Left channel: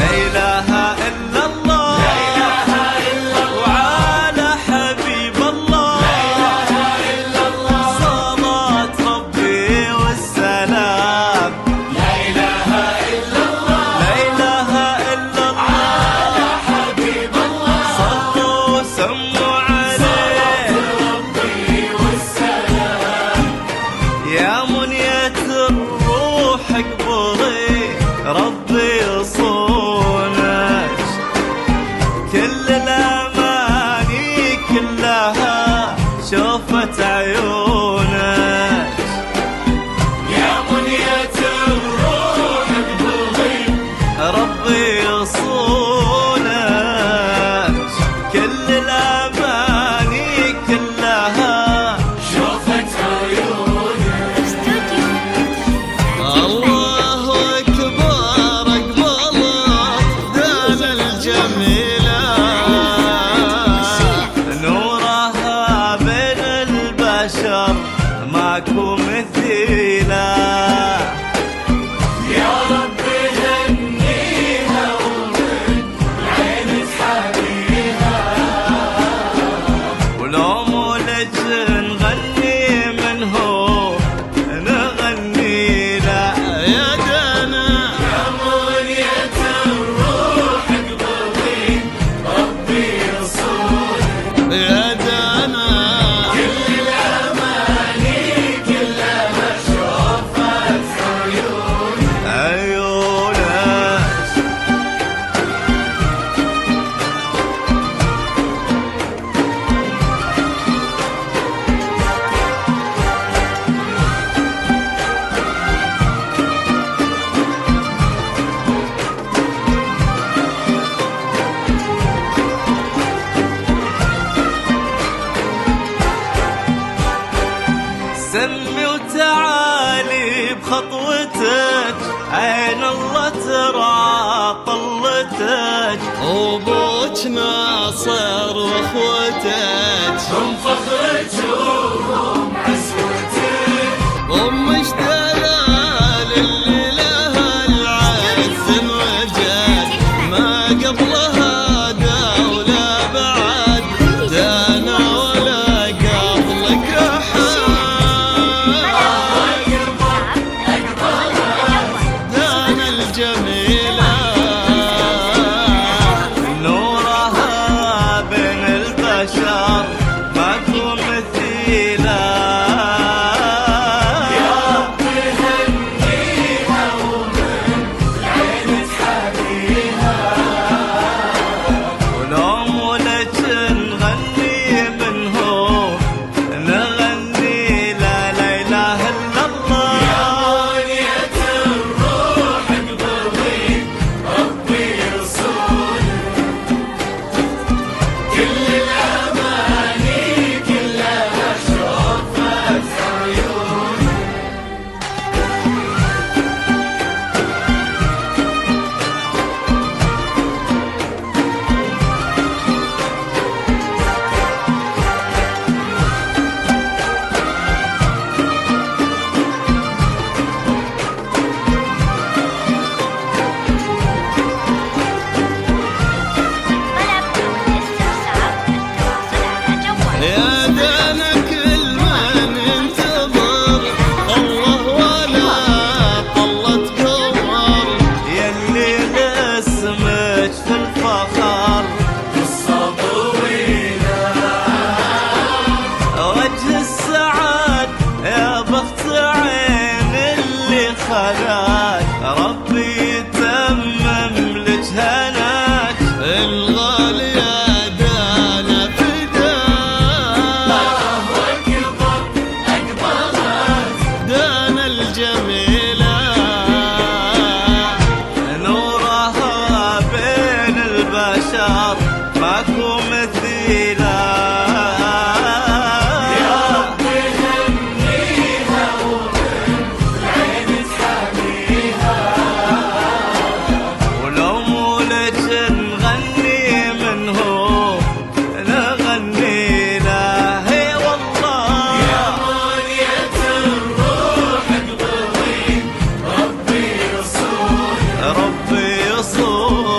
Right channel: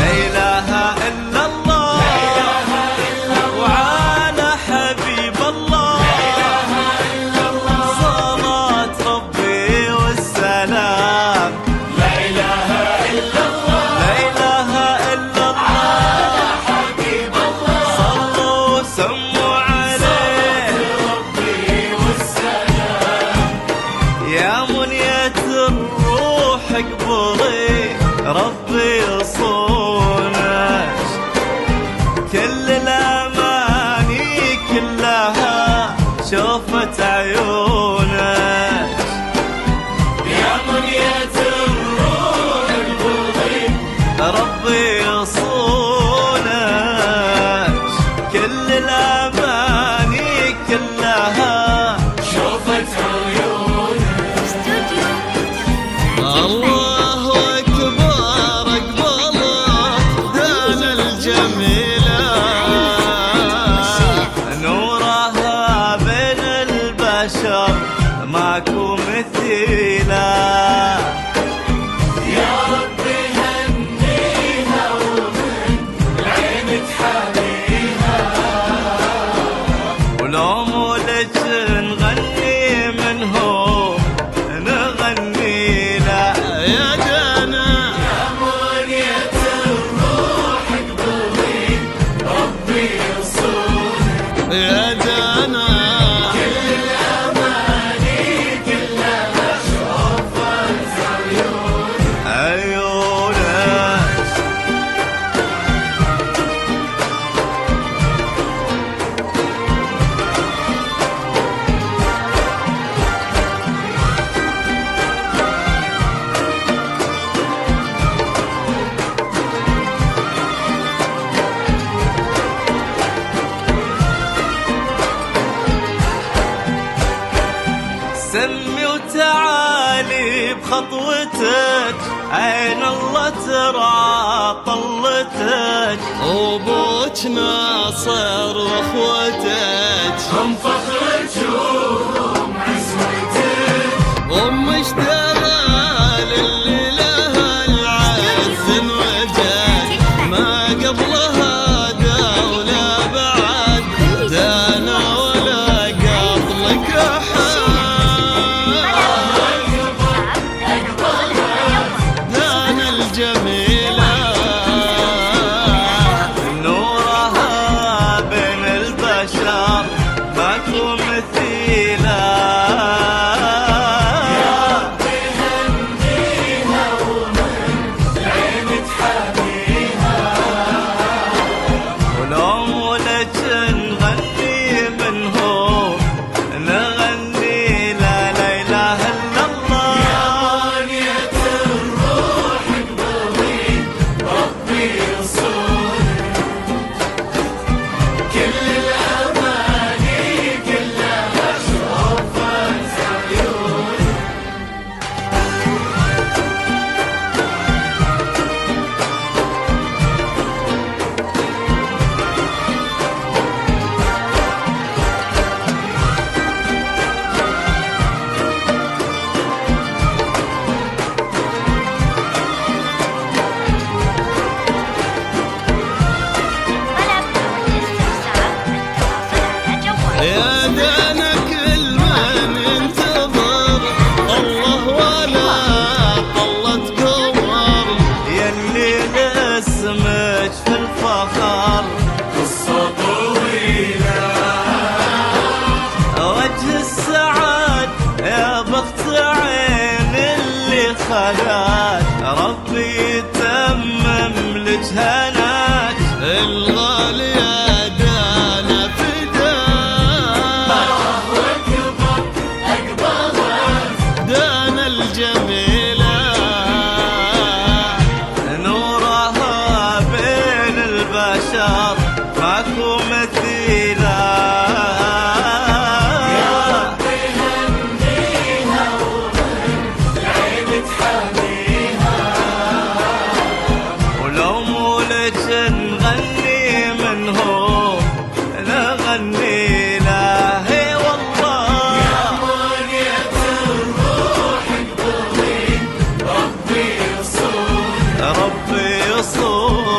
لا إله إلا الله وعلى حبيب الله صلاة ربي والسلام. لا إله إلا الله لا إله إلا الله حبيب الله صلوا وسموا عليه ربي والسلام. يا منية الروح اقبلي ربي يصونك كل الأماني كلها شوفت عيونك. يا منية الروح اقبلي ربي يصونك كل الأماني كلها شوفت عيونك. استوديو الله أكبر أقبلت دان الجميلة نورها بين البشر ماكو مثيلة. يا رب هنيها ومن العين تحبيها ولو مولج نغني منه نغني لا يا دانا. يا منية الروح اقبلي ربي يصونك يا دانا كل الأماني كلها شوفت عيونك. سمي وتعالي بخطوتك عين الله ترى طلتك وبوك ناصر واخوتك هم فخرك وهم عزوتك ومش دلال اللي لها العز وجد ما قبلها دولة بعد دانا ولا قبلك أحد. جميلة نورها بين البشر ماكو مثيلة. يا رب هنيها ومن العين تحبيها ولو مولج نغني منه نغني لا لا إله إلا الله. يا دانا كل من ينتظر الله ولا طلت قمر يلي لاسمك في الفخر قصة طويلة وجه السعاد يا بخت عين اللي خلاك ربي يتمم لك هناك الغالية دانا الجميلة نورها بين البشر ماكو مثيلة. يا رب هنيها ومن العين تحبيها ولو مولج نغني منه نغني له والله. ربي يصون